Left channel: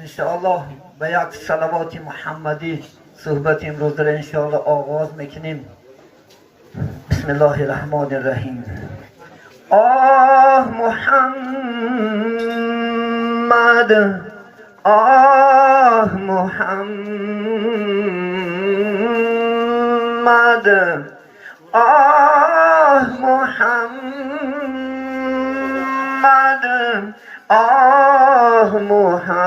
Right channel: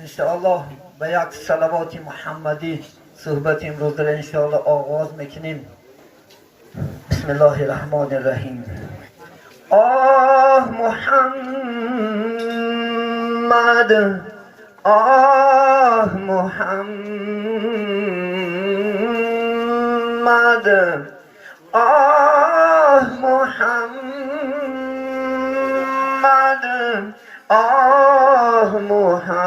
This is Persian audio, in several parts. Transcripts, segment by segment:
انشاءالله به یک صلوات محمدی صحبت امروز را انشاءالله آغاز میکنیم. بسم الله الرحمن الرحیم. آه محمد، آه محمد، آه محمد، آه محمد،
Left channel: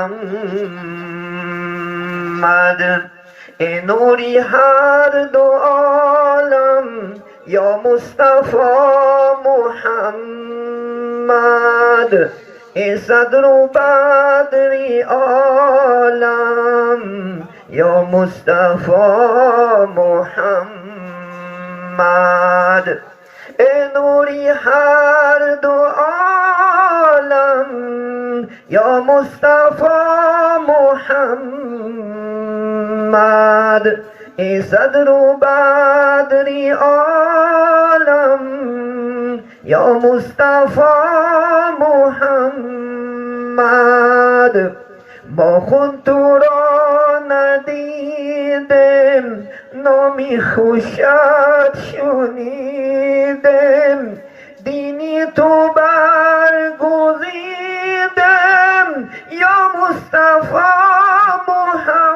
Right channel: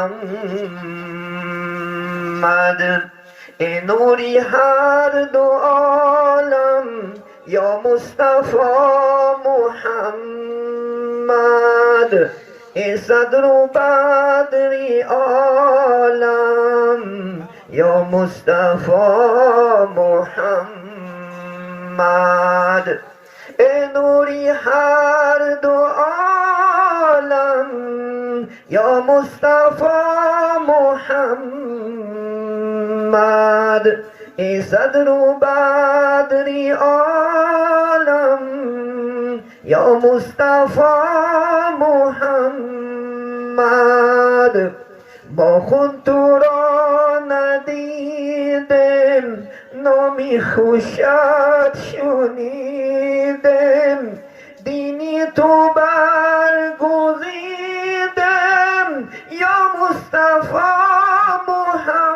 ای نوری هر دو عالم یا مصطفی محمد، ای صدر و بدری عالم یا مصطفی محمد، ای نوری هر دو عالم یا مصطفی محمد، ای صدر و بدری عالم یا مصطفی محمد، ما خود تو را ندیدیم، نامی خوشت شنیدیم، دینی تو برگزیدیم یا مصطفی محمد،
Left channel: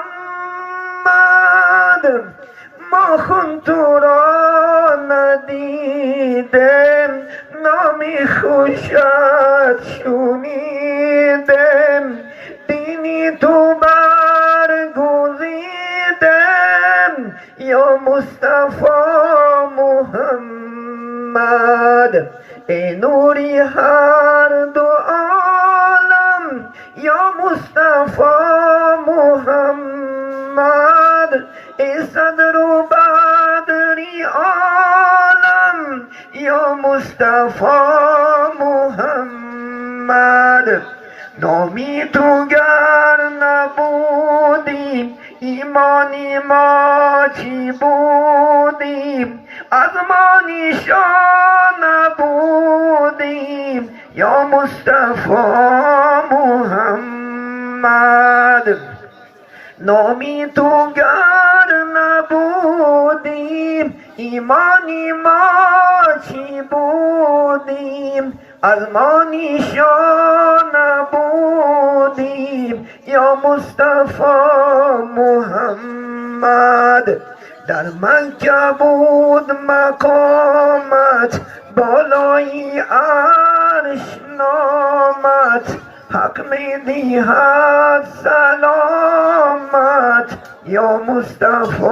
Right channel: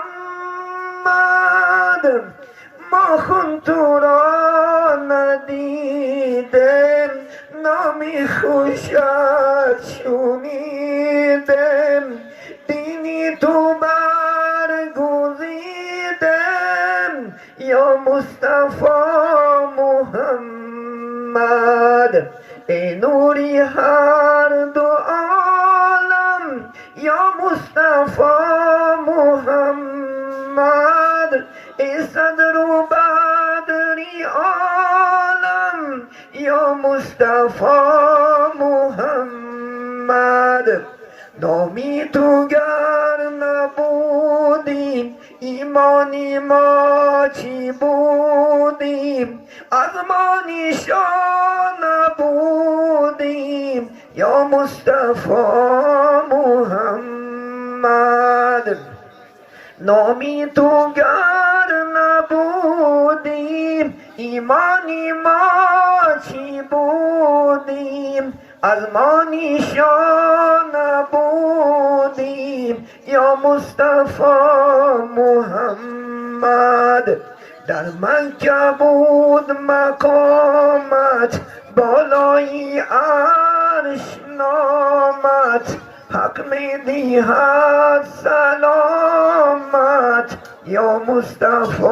ما خود تو را ندیدیم، نامی خوشت شنیدیم، دینی تو برگزیدیم یا مصطفی محمد، ای نوری هر دو عالم یا مصطفی محمد، ای صدر و بدری عالم یا مصطفی محمد، نامی تو گر نبودیم ایمانی ما چی بودیم، از ما نشان نبودیم یا مصطفی محمد، نامی تو گر نبودیم ایمانی ما چی بودیم، از ما نشان نبودیم یا مصطفی محمد، در مکه بود مقامت بالای عرش نامت، حق می دیهد سلامت یا مصطفی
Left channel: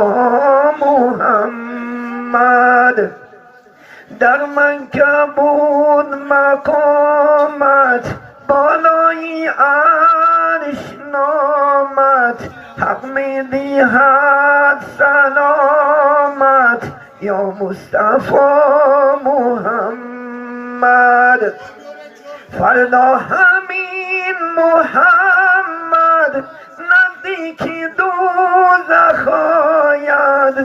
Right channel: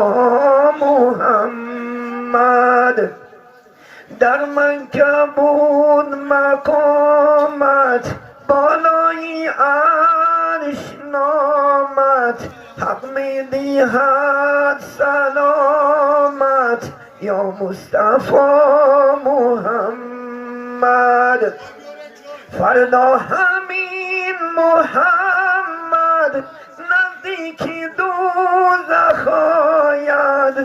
محمد، در مکه بود مقامت بالای عرش نامت، حق می دیهد سلامت یا مصطفی محمد، فردا همین محمد نزدیک دوزخ آید،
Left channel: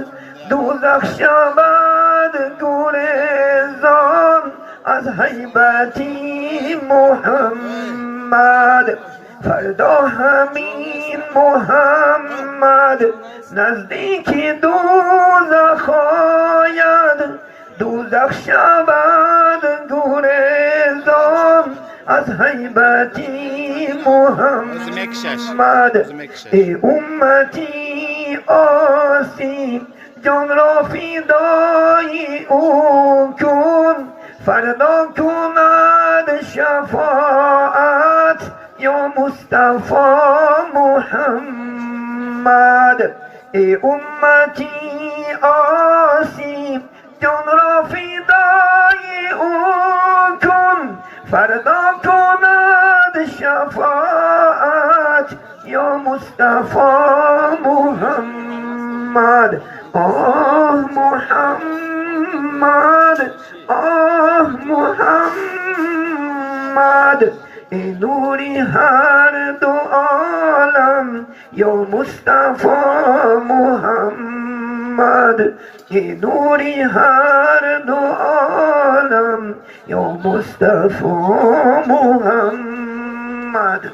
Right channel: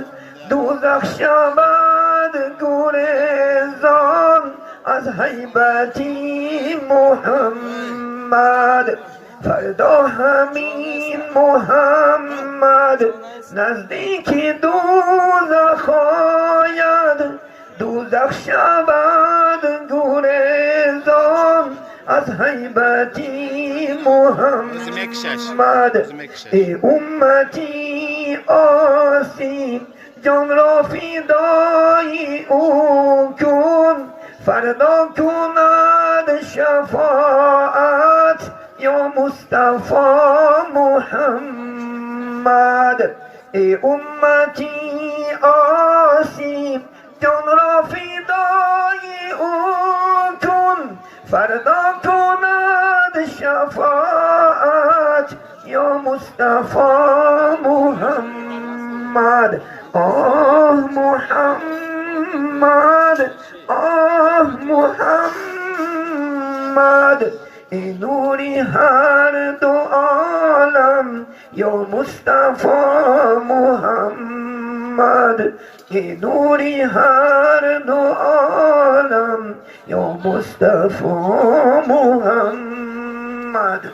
دوزخ شود گریزان از هیبتی محمد، فردا همین محمد نزدیک دوزخ آید، دوزخ شود گریزان از هیبتی محمد، ای امتی آسی جان را فدای او کن، فردا کند شفاعت یا مصطفی محمد، ای امتی آسی جان را فدای او کن، فردا کند شفاعت یا مصطفی محمد، آه محمد، آه محمد، ای نوری هر دو عالم یا مصطفی محمد، ای نوری هر دو عالم یا مصطفی محمد.